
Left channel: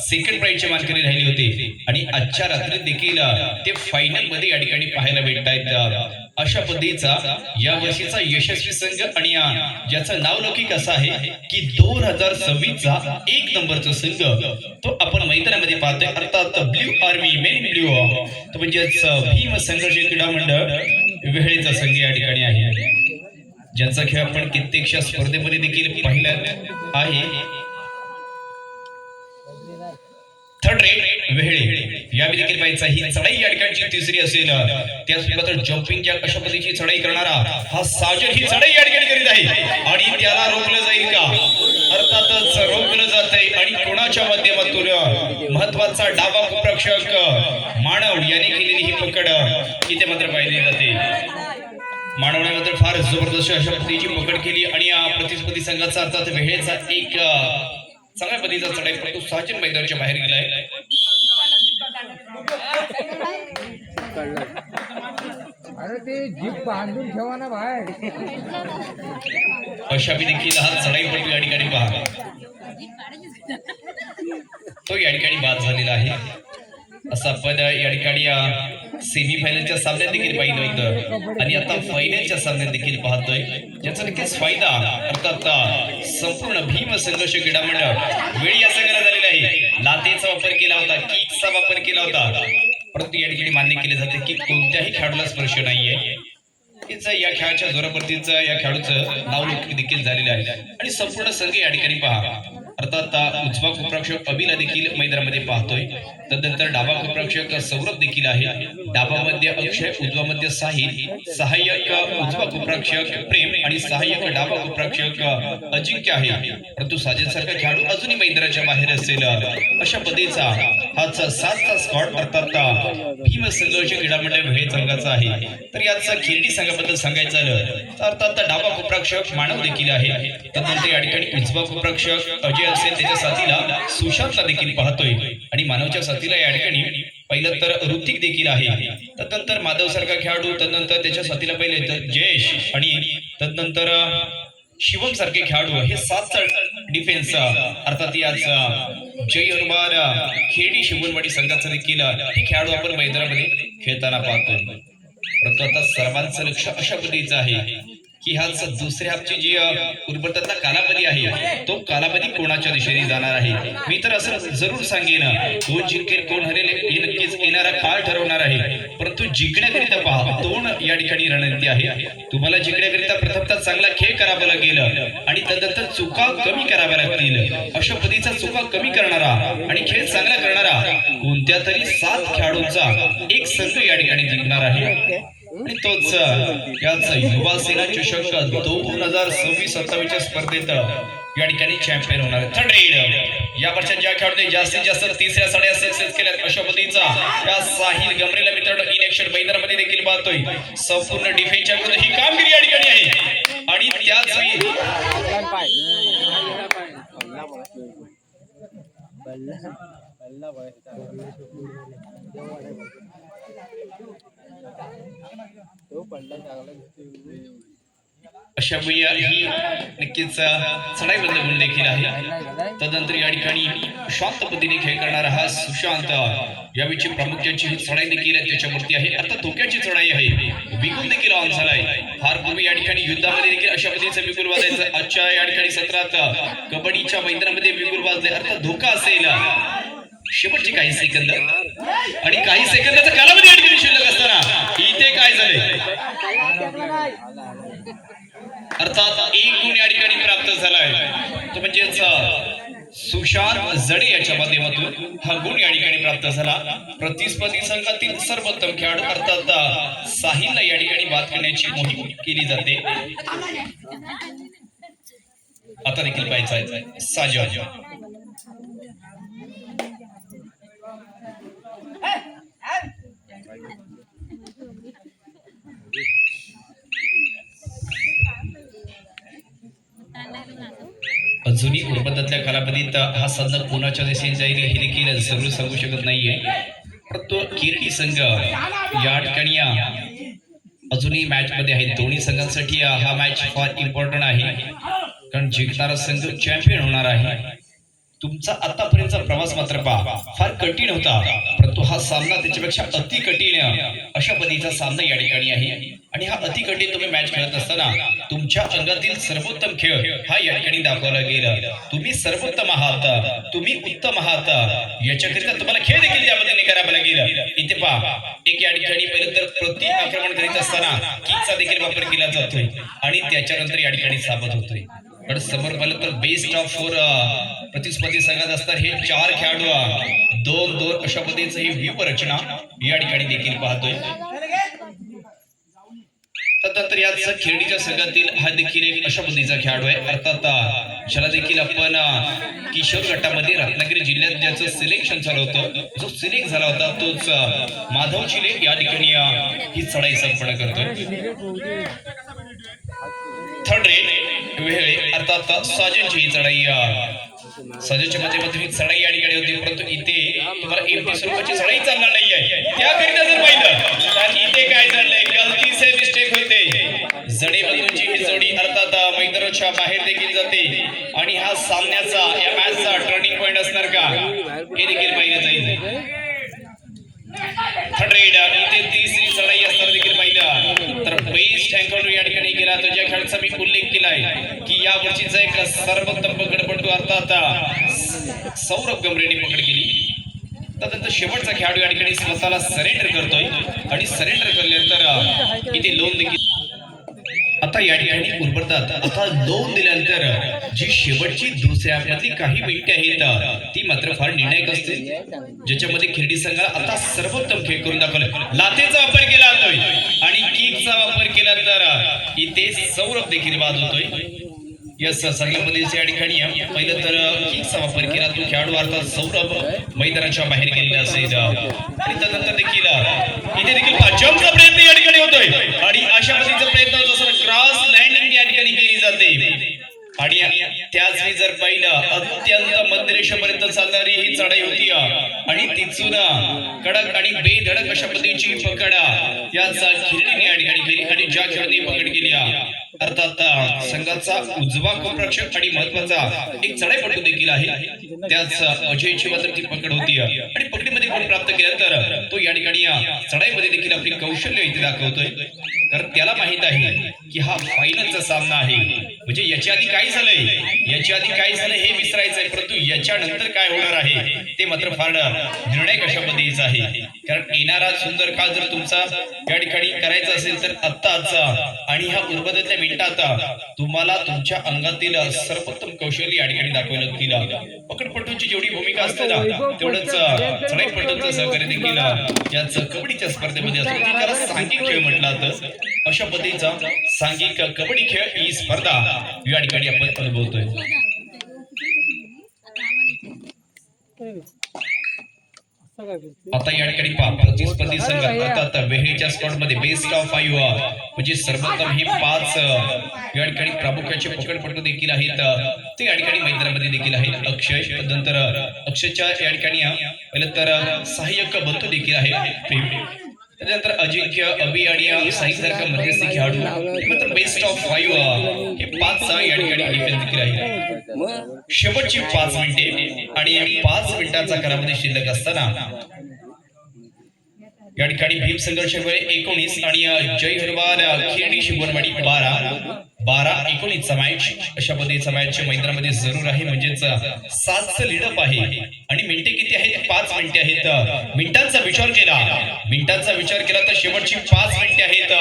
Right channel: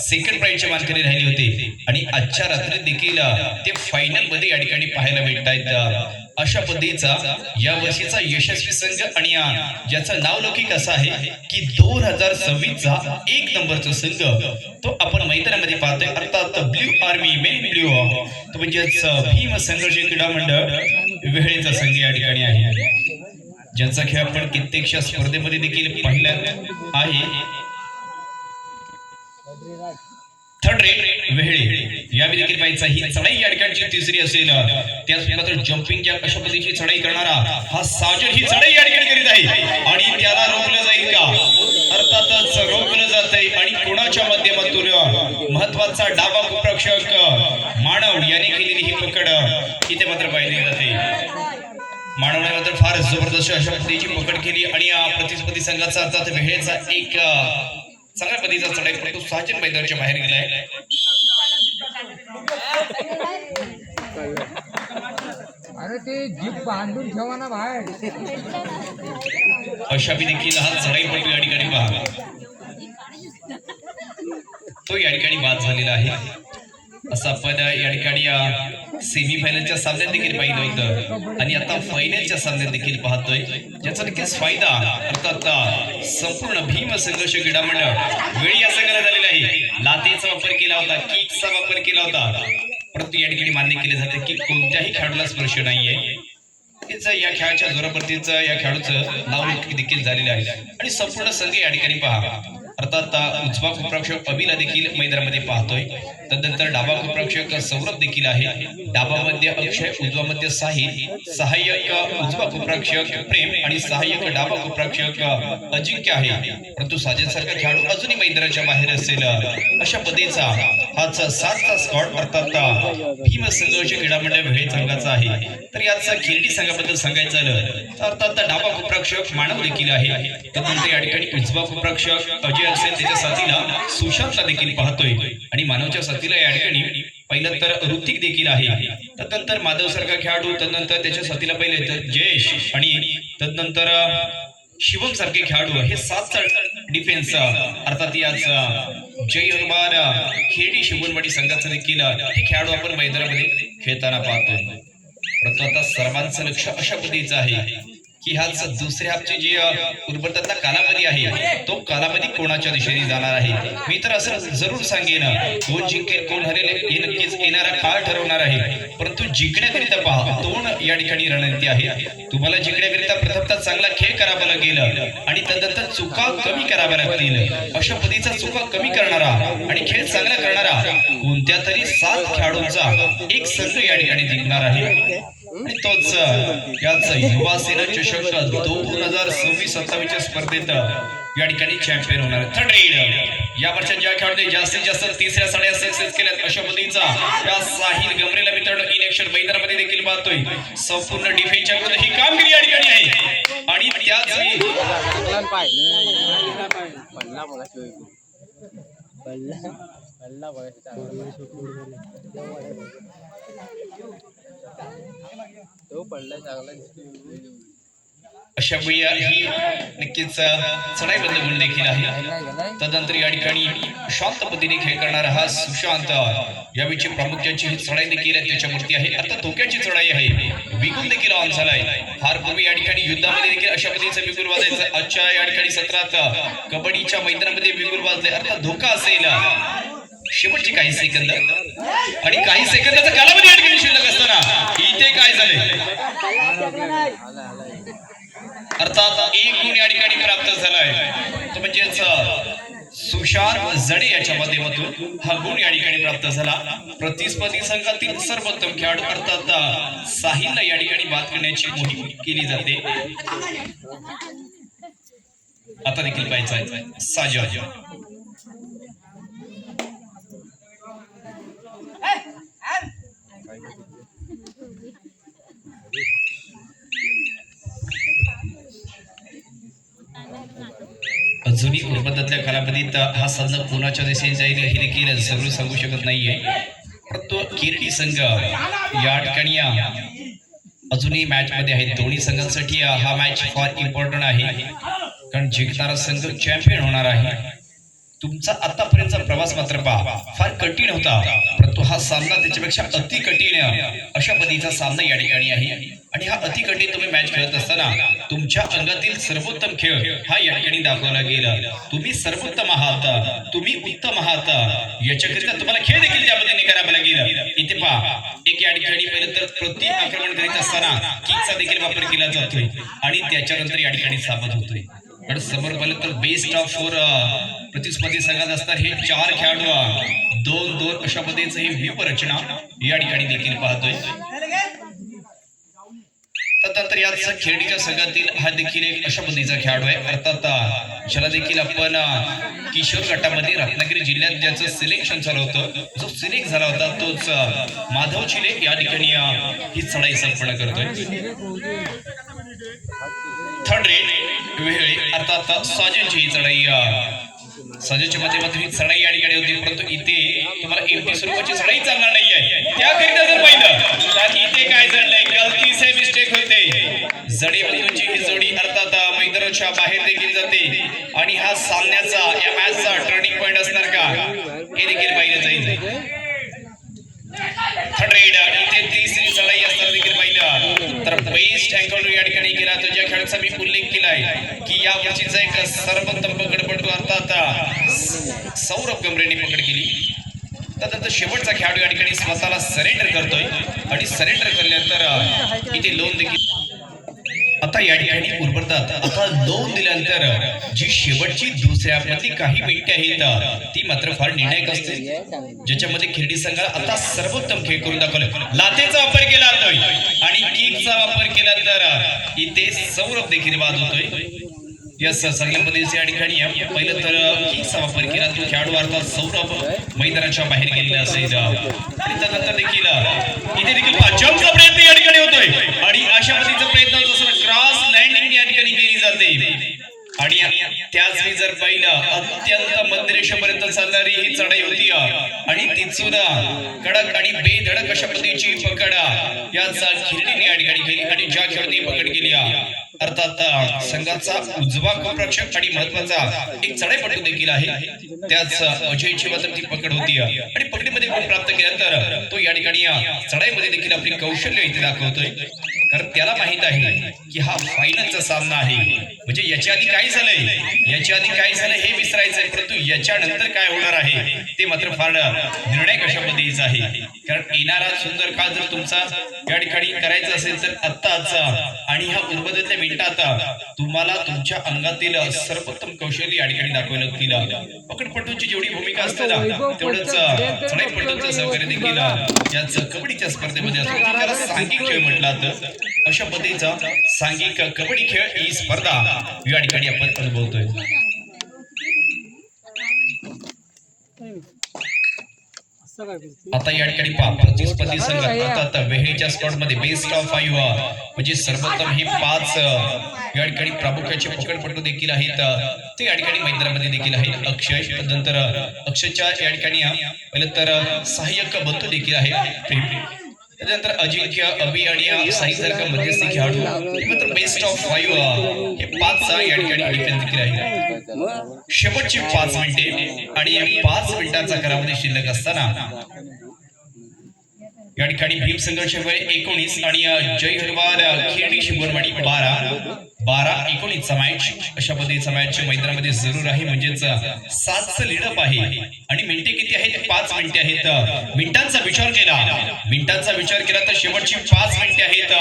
सेकंड प्राइजचे मानकरी राहिले होते आणि आजच्या रात्री देखील ते फायनल मध्ये या ठिकाणी पाहायला भेटतायत. अशा पद्धतीचा या वर्षीचा यशस्वी संघ आणि ज्याचं नाव लौकिक असं आहे की 2026 चा 1 नंबरचा संघ तो आपण मैदानामध्ये पाहतोय अर्थात ब्ल्यू आर्मी मेन ब्ल्यू तो म्हणजेच भीम संघर्ष क्रीडा मंडळ वेळेचा संघ या ठिकाणी आहे ज्यांचा खेळ आपण कित्येकशा स्पर्धेमध्ये देखील पाहिला आहे. थर्ड रेट वेहळे यावेळी देखील पाहायचा ही चढाई या ठिकाणची तिसरी असेल. त्याचबरोबर जम्पिंगच्या अशा पद्धतीची चढाई करणारा हा साजर ही चढाई या ठिकाणी करीत आहे आणि त्याला रोखलं जाईल का अर्थातच रोखलं जात आहे आणि कोणाच्या माध्यमातून महत्वाचा डावा उपरक्षक मानव याने केलेली ही पकड इथे मात्र पाहिली जाते. मानवने मात्र फार जबरदस्त अशा पद्धतीची पकड केली आणि प्रतिस्पर्धी संघाचा अर्थात वेळेचा एक चांगल्या पद्धतीचा चढाई परंतु साजन मैदानाच्या बाहेर गेलाय. अरे ते जीप बांधून ठेवा ना बाहेर. अशा देखील हा चढाईपटू या ठिकाणी पहा तो या ठिकाणी बाद झालेला आहे. असं आपण या ठिकाणी सेमी फायनलच्या सामन्यात देखील पाहिलं होतं आणि आता फायनलच्या सामन्यात देखील पाहतोय ज्याचा नक्कीच फायदा अर्थात संपूर्ण भीम संघर्ष क्रीडा मंडळ वेळी या संघाला झालेला आहे. लातेचा वापर केला होता किकचा वापर केला होता परंतु या ठिकाणी मान्य केले जाते की कोणत्याही खेळाडूला स्पर्श नाहीये. या खेळाच्या जोरावरतीच या खेळाडूचं नाव देखील झालेलं आहे आणि संपूर्ण संघ या ठिकाणी पहा अर्थात उजवा उपरक्षक अभिला देखील मैदानामध्ये पाहतोय. तदनंतर डावा उपरक्षक सौरभ देखील आहे. डावा मध्ये अक्षय उजवा मध्ये साहिल सहाय्यक उजवा उपरक्षक प्रेम आणि सहाय्यक डावा उपरक्षक अजिंक्य आहे. परंतु साजन सारखा खेळाडू अजूनही मैदानाच्या बाहेर असेल अशा पद्धतीचा हाच 7चा स्क्वॉड अर्थात भीम संघर्ष क्रीडा मंडळ वेळ संघाचा आहे. तर याचा खिरडी संघाबद्दल सांगायचं झालं तर अर्थात डावा उपरक्षक मानव देखील आहे. तदनंतर या ठिकाणी उजवा उपरक्षक अजय असेल त्याच्या साथीला सुशांतला देखील पाहतोय आणि मानवच्या साथीला या ठिकाणी पहिलं तर ऋतिक देखील आहे. तदनंतर माधव सारखा खेळाडू तदनंतर त्याच्या साथीला पहिले तर जयेश आणि तदनंतर शिवम सारखे खेळाडू हे 7चा डिफेन्स अर्थात याच जय हनुमान खेडी शिवणवाडी संघाचा देखील हे खेळाडू आपण मैदानामध्ये खेळताना पाहतोय. परंतु आता सर्वांचं लक्ष अशा पद्धतीचं आहे की हाच दुसऱ्या हाफची जी उर्वरितातला कालावधी आहे तो कालावधी कोणाच्या दिशेने जाणार आहे. मी तर असं जरूर सांगेन कोण जिंकेल कोण हरेल हे नक्कीच येणारा काळ ठरवणार आहे. परंतु जिंकण्याकरिता पहा दोन या ठिकाणी रणनीती आहे. तुम्हाला जिंकण्याकरिता प्रथमतः चांगला खेळ करावा लागेल आणि तदनंतर चुका कमी कराव्या लागतील. अशा पद्धतीचा चुका कमी करणारा आणि खेळ चांगला करणारा कोणत्या तरी 7 खेळाडूंचा एक संघ या ठिकाणी जिंकणार आहे आणि तोच याच युवा सेना चषक 2026-27 स्पर्धेत या ठिकाणी चॅम्पियन होणार आहे. थर्ड रेड या वर्षात ज्या खेळाडूंनी जास्तीत जास्त तिसऱ्या साड्या सक्सेस केल्यात अशा पद्धतीचा या साहिल गमरेला मित्रांनो इन ऍक्शन मैदानामध्ये देखील पाहतोय. संपूर्ण डिफेन्सच्या विरुद्ध ही कामगिरी या ठिकाणी आहे आणि त्याच अशा वेळी ही नक्कीच चढाई बंद गुण देखील आहे. तदनंतर या ठिकाणी शांत पद्धतीने खेळ करणारा हा सुशांत यावेळी प्रामुख्याची ही चढाई देखील त्याच्यावरती आहे. आता धोक्याची चढाई आहे. विगुल देखील ऑन झालाय. फार पूर्वी या ठिकाणी युद्धामध्ये देखील अशा पद्धतीचं विगुल वाजायचं. आजच्या या ठिकाणी सत्रात कबड्डीच्या मैदानामध्ये विगुल वाजले अर्थात धोका असेल. शेवटची काही सेकंद आणि काही सेकंदाचा कालावधी या ठिकाणी शिल्लक असताना इथे काय झाले अर्थात एक गुण या ठिकाणी प्राप्त झालाय. तो म्हणजेच सुशांत जडे याच्या माध्यमातून हा गुण या ठिकाणी प्राप्त झाला. प्रतिस्पर्धी संघातील सर्वोत्तम खेळाडू अर्थात साहिलला या ठिकाणी बाद करण्याची मोहीम केली जाते. आता देखील पाहायचा साजद अजूनही उर्वरितातल्या कालावधीत हा सामना कोणाच्या दिशेने जाईल हे देखील जरूर सांगू शकत नाहीये. परंतु किर्टी संघ या ठिकाणी अजूनही मॅच मध्ये आहे. दोन्ही संघांसाठी हा मॅच फार इम्पॉर्टंट आहे कारण जिंकणारा संघ चॅम्पियन होणार आहे. तुमचा आतापर्यंतचा प्रवास मात्र पहा फार कठीण होता परंतु हा सामना त्याच्यापेक्षा अति कठीण अशा पद्धतीचा सामना या ठिकाणी आहे आणि हा अति कठीण तुम्ही मॅच खेळत असताना तुमच्या अंगातील सर्वोत्तम खेळ हा या ठिकाणी दाखवला गेला. तुम्ही सर्वोत्तम आहात, तुम्ही उत्तम आहात, याच्याकरिता तुम्हाला खेळ देखील त्या पद्धतीने करावा लागेल. इथे पहा एक या ठिकाणी पहिले तर प्रति आक्रमण करीत असताना किकचा देखील वापर केला जातोय आणि त्याच्यानंतर या ठिकाणी सावध होतोय. पण समोर पाहिलं तर बेस्ट ऑफ 4 प्रतिस्पर्धी संघात असतात हे 4 खेळाडू 2-2 अशा पद्धतीचं ही व्यूह रचना या ठिकाणी देखील पाहतोय. तदनंतर याच खेळीच्या संघातील हा देखील एक अशा पद्धतीचा खेळाडू आहे अर्थात ज्याला देखील आपण किशोर गटामध्ये रत्नागिरी जिल्ह्यात ज्याचं सिलेक्शन झालं होतं जो सिलेक्ट झाला होता तोच माधव चिले या ठिकाणी ही चढाई संपन्न करतोय. थर्ड रेड वेळ अर्थात साजनची ही चढाई साजनच्या माध्यमातून ही चढाई या ठिकाणी होती परंतु इथे तुम्हाला एमटी स्वरूपाची चढाई चालणार नाहीये. त्याकरिता जर पाहिलं तर इथे काय झालंय गलती से मिस्टेक होते. जडे बंधूंची ही जोडी अर्थात मैदानाच्या बाहेर देखील जाते आणि हा सामन्याचा या मॅचचा टर्निंग पॉइंट असणार का हे देखील पाहिलं जाईल. थर्ड रेड इथे तिसरी चढाई असताना देखील पाहिलं तर बेस्ट अँगल या ठिकाणी गेला तो ज्या खेळाचा मी उल्लेख केलाय की या वर्षीचा एक सर्वोत्तम पकडपटू अर्थात सौरभ गमरेने पकड केली. तदनंतर शेवटचा खेळाडू या ठिकाणी स्वतःला सरेंडर करतोय आणि सरेंडर केल्यानंतर इथे लोन देखील आता या ठिकाणी उर्वरतात. आता लोन दिल्यानंतर जी शेवटची दुसऱ्या मधली काही मिनिटे आहेत ती मात्र फार निर्णायक असते ज्याच्यामध्ये खिरडी संघाला आता सर्वोत्तम खेळ करून दाखवलं. लाथेचा वापर केला जातोय आणि किकचा वापर केला तर इथे सौरभ देखील बाद होतोय. यस चांगल्या पद्धतीने या ठिकाणी पहिलं तर किकचा वापर केला तो खेळाडू अर्थात सौरभ मैदानाच्या बाहेर गेलेला असेल आणि त्यानंतर देखील इथे देखील जम्पचा प्रयत्न या ठिकाणी होतोय आणि अशा पद्धतीचा प्रयत्न होत असताना क्रॉस लँडिंग या ठिकाणी केली जाते आणि त्याच वेळी जर पाहिलं अत्यंत मध्यरेषेपर्यंत चालणारी ही चढाई होती आणि तिथून कडक आणि बेधडक अशा पद्धतीची पकड याचा खिरडीने या ठिकाणी केली आणि ज्या खेळाडूंनी पकड केली अर्थात संघाचा उजवा कोपरक्षक आणि महत्वाचा एक चढाईपटू देखील आहे त्याच अजयची मात्र ती पकड होती आणि पकडीमध्ये गुण प्राप्त केला तर तो या ठिकाणी चढाईमध्ये देखील आपली कौशल्य इथे दाखवतोय. कारण त्याला माहित आहे की हा फायनलचा सामना आहे. म्हणजे याच्या आधी काय झालंय हे विसरायचंय, परंतु याच्यानंतर काय होणार आहे ते मात्र फार निर्णायक अशा पद्धतीचा आहे. कारण येणारा सुंदर काळ जर तुमचा या ठिकाणी करायचा असेल तर आत्ताच आणि ह्या उर्वरितल्या मिनिटात तुम्हाला तुमच्या अंगातील सर्वोत्तम कौशल्य या ठिकाणी दाखवावे लागतील. पकडपटूची जेवढी भूमिका असते ना तेवढंच चढाईपटूचं सहकार्य देखील याच कबड्डीच्या स्पर्धेमध्ये असतो. त्याला सांघिक खेळ म्हटला तर अशा पद्धतीचा सांघिक कबड्डी खेळ ही स्पर्धा या ठिकाणी आपण अनुभवतोय. आता या ठिकाणी प्रतिस्पर्धी संघ अर्थात वेहेच्या स्पॉट मध्ये बेस्ट ऑफ 5 म्हणजे सर्वोत्तम ही 5 या ठिकाणी प्रामुख्याचे पकडपटू देखील आहेत. ते या ठिकाणी मैदानामध्ये देखील आहेत. अक्षय नंतर अक्षयच्या या ठिकाणी पहिलं तर सहाय्यक बंधू देखील आहे. त्यानंतर अजिंक्य अभि आणि साईसारखा मध्यस्थी खेळाडू नंतर बेस्ट ऑफ 5 हे 5 या ठिकाणी देखील आहेत. शेवटची 5 मिनिटे आणि 5 मिनिटांचा कालावधी शिल्लक असताना या ठिकाणी भीम संघर्ष वेळ 19 आणि जय हनुमान खिरडी शिवणवाडी 12-19 चा मॅच अशा पद्धतीचा मॅच मैदानामध्ये जरूर आहे. म्हणजेच 7चं लीडअप आहे आणि मिनिटे किती आहेत 5 मिनिटे आहेत. मिनिटांचा विचार केला तर शेवटची 5 मिनिटे आहेत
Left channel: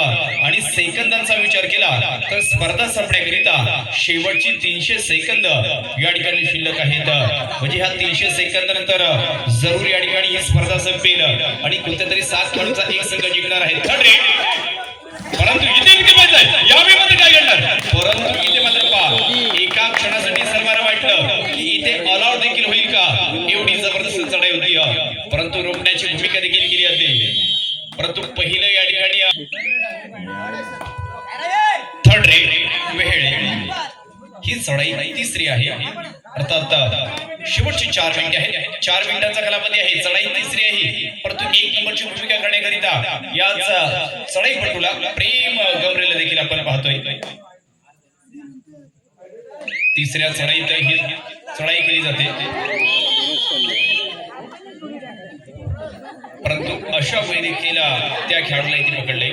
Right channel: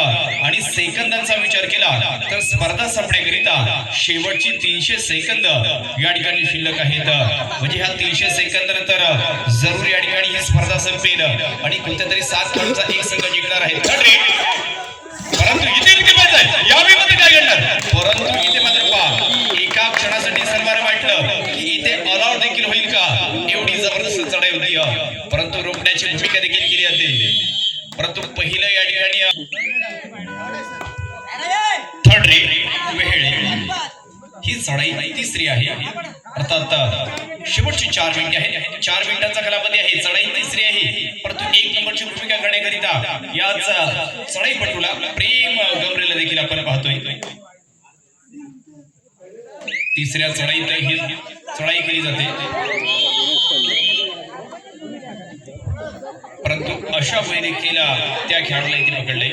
आणि सेकंदांचा विचार केला तर स्पर्धा संपण्याकरिता शेवटची 300 सेकंद या ठिकाणी शिल्लक आहेत. म्हणजे ह्या 300 सेकंदानंतर जरूर या ठिकाणी ही स्पर्धा संपेल आणि कोणत्या तरी 7 खेळाडूंचा एक संघ जिंकणार आहे. परंतु इथे यावेळी मध्ये काय घडणार, परंतु इथे मात्र पहा एका क्षणासाठी सर्वांना वाटलं की इथे ऑलआउट देखील होईल का, एवढी जबरदस्त चढाई होती. परंतु रोखण्याची भूमिका देखील केली जाते. परंतु पहिलं या ठिकाणी थर्ड रेट वेळ ही चढाई तिसरी आहे. अर्थात शेवटची 4 मिनिटे आहेत. 4 मिनिटांचा कालावधी आहे. चढाई तिसरी आहे. परंतु 1 नंबरची भूमिका करण्याकरिता याच चढाईपटूला प्रेम गमरेला देखील आपण पाहतोय. तिसऱ्या चढाईत ही चढाई केली जाते. परंतु अशा वेळी देखील त्या खेळाडूला इथे पकडले.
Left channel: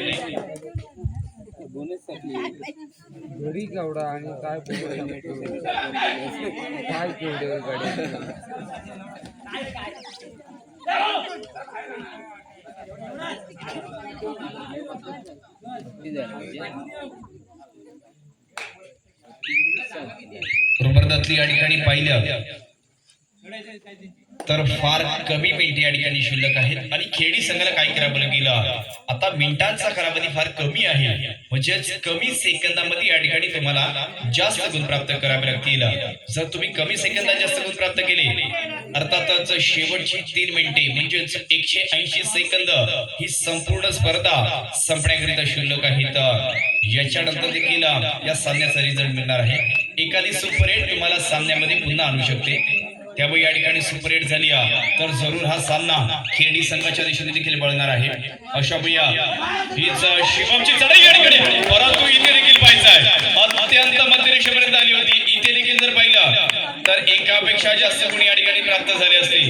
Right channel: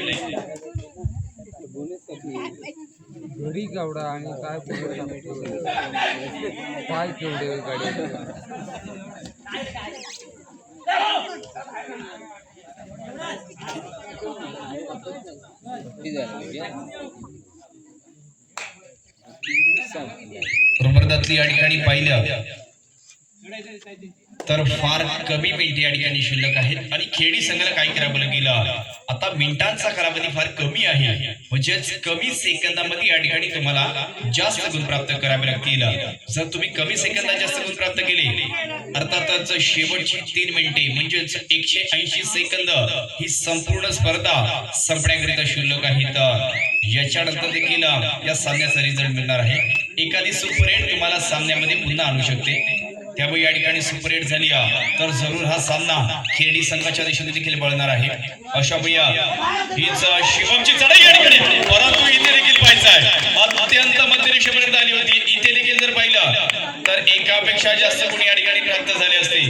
घरी केवढा आणि काय केवढे गाड्या रुमरदातली या ठिकाणी पाहिलं तर फार कमी मिनिटे या ठिकाणी शिल्लक आहेत आणि खेळी संघाला काय करावं गेलं, आता मिनिटांचा कालावधी फार कमी आहे. म्हणजेच कमी सेकंदामध्ये या ठिकाणी तुम्हाला जास्त गुण प्राप्त करावे लागतील. जर तुम्ही कमी सेकंदात जास्त गुण प्राप्त केले अर्थातच शेवटची 3 मिनिटे म्हणजेच 180 सेकंद ही संपूर्ण स्पर्धा संपण्याकरिता शिल्लक आहेत. याच्यानंतर देखील या सामन्याचा रिझल्ट मिळणार आहे. एखादी सुपर 8 तुम्हाला सामन्यामध्ये पुन्हा आणू शकते. त्यामुळे या ठिकाणी सुपर 8 झाली तर जरूर हा सामना खेळी संघाच्या दिशेने देखील वळणार आहे. अशा भैया हीच शिवमची चढाई या ठिकाणी, परंतु इथे देखील पाहायचं आहे अत्यंत मध्यरेषेपर्यंत आली होती. इथे देखील जर पाहिलं तर एकापेक्षा जास्त गुण या ठिकाणी प्राप्त झाले असते.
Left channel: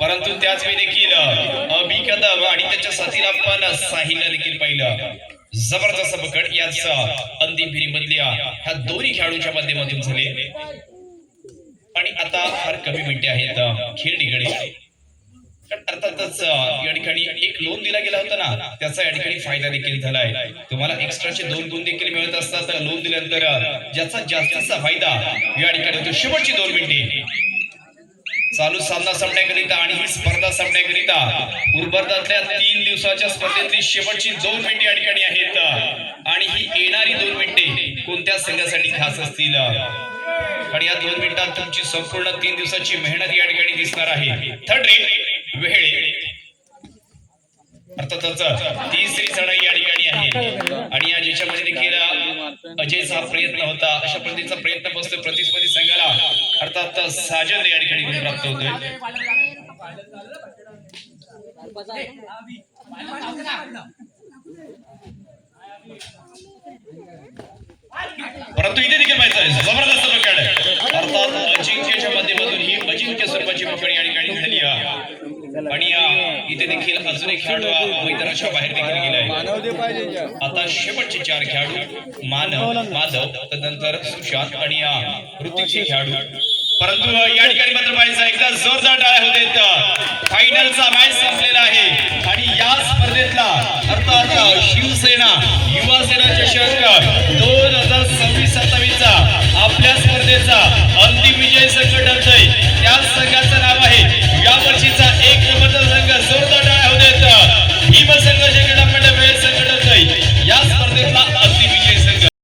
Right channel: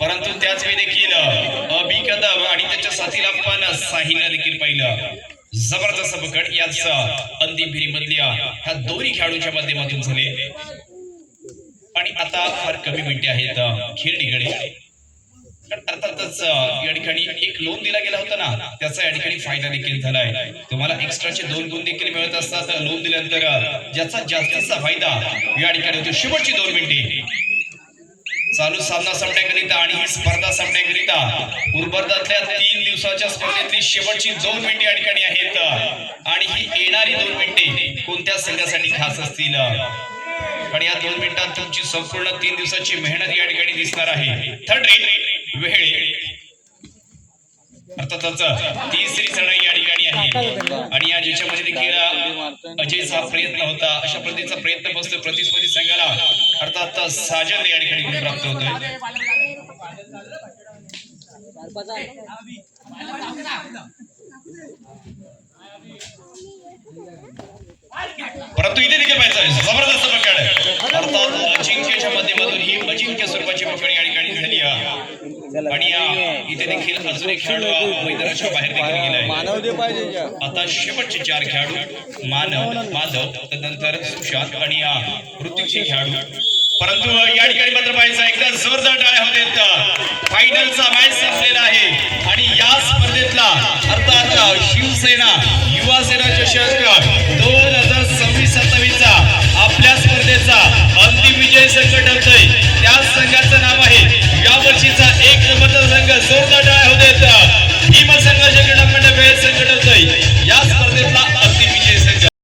परंतु त्याच वेळी देखील अभि कदम आणि त्याच्या साथीला आपण साहिलला देखील पाहिलं. जबरदस्त पकड याच अंतिम फेरीमधल्या ह्या दोन्ही खेळाडूंच्या माध्यमातून झाले. आणि आता फार कमी मिनिटे आहेत खेळडीकडे. अर्थातच या ठिकाणी एक लोन दिला गेला होता ना, त्याचा या ठिकाणी फायदा देखील झालाय. तुम्हाला एक्स्ट्राचे 2 गुण देखील मिळत असतात लोन दिल्यानंतर, ज्याचा जास्तीचा फायदा या ठिकाणी होतो. शेवटची 2 मिनिटे चालू सामना संपण्याकरिता आणि ही स्पर्धा संपण्याकरिता उर्वरितल्या 3 दिवसाच्या स्पर्धेतली शेवटची 2 मिनिटे या ठिकाणी आहेत. आणि ही येणारी 2 मिनिटे कोणत्या संघासाठी खास असतील, आणि या 2 मिनिटात तुमची संपूर्ण 3 दिवसाची मेहनत या ठिकाणी दिसणार आहे. थर्ड रेट वेळ अर्थातच तिसरी चढाई या ठिकाणी आहे. आणि या ज्याच्यामध्ये देखील अजयचा प्रयत्न होता, अशा पद्धतीचा प्रयत्न बसतो प्रतिस्पर्धी संघाला. अर्थात साजन या ठिकाणी गुण प्राप्त होतो. परंतु इथे देखील पाहिजे जबरदस्त पकड. अर्थात अजिंक्यच्या माध्यमातून ही अजिंक्य स्वरूपाची पकड या ठिकाणी झाली. आणि इथे देखील अजून एक खेळाडू मैदानाच्या बाहेर देखील गेला आहे. आता शेवटचे 4 खेळाडू माधव तदनंतर सुशांत आणि ऋतिकचे खेळाडू. परंतु या ठिकाणी मात्र पाहायचं एकदा जोरदार टाळ्या होते. फायनलचा मॅच संपलेला आहे आणि या स्पर्धेतला अर्थात शिवसेना युवा सेना चषक 2026-27 चा आपल्या स्पर्धेचा अंतिम विजय संघ ठरतोय. त्या संघाचं नाव आहे